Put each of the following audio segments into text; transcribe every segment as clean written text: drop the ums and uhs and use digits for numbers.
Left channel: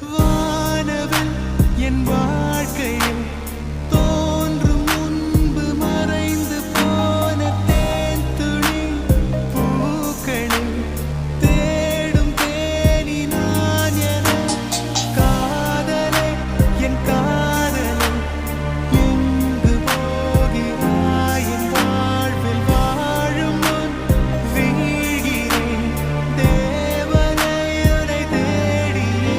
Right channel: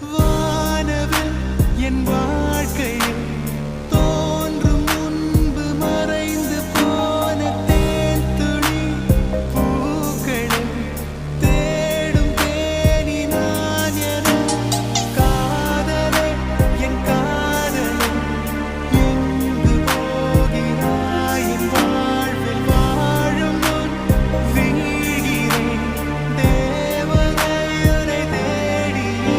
வானவில் என் வாழ்க்கையில் தோன்றும் முன்பு மறைந்து போன தேன் துளி பூக்களில் தேடும் தேனி நான் என காதலே என் காதலே எங்கு போகிறாய் என் வாழ்வில் வாழும் முன் வீழ்கிறேன் தேவதையுரை தேடியே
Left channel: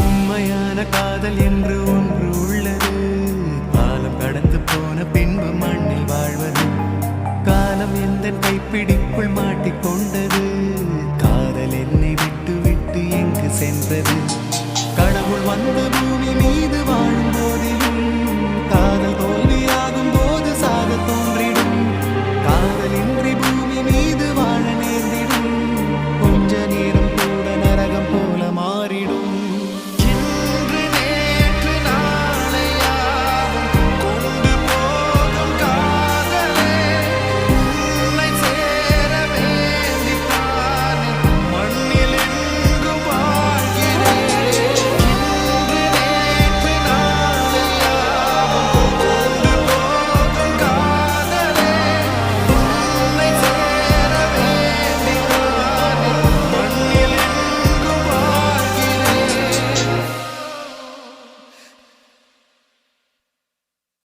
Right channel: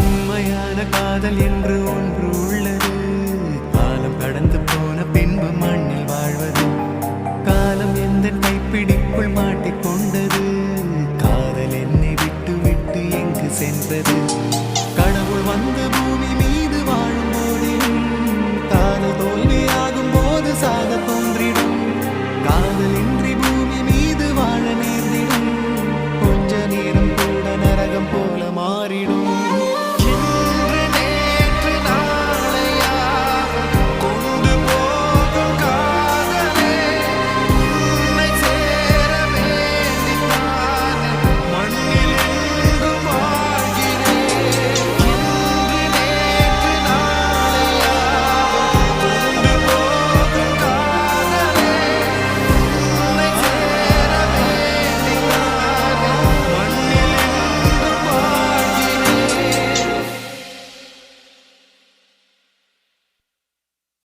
உண்மையான காதல் என்று ஒன்று உள்ளது. காலம் கடந்து போன பின்பு மண்ணில் வாழ்வது. காலம் எந்த கைப்பிடிக்குள் மாட்டிக்கொண்டது. காதல் என்னை விட்டு விட்டு எங்கு சென்றது. கடவுள் வந்து பூமி மீது வாழும் போதிலும் காதல் தோல்வியாகும் போது சாக தோன்றிடும். காதலின்றி பூமி மீது வாழ நேர்ந்திடும். கொஞ்ச நேரம் கூட நரகம் போல மாறிடும்.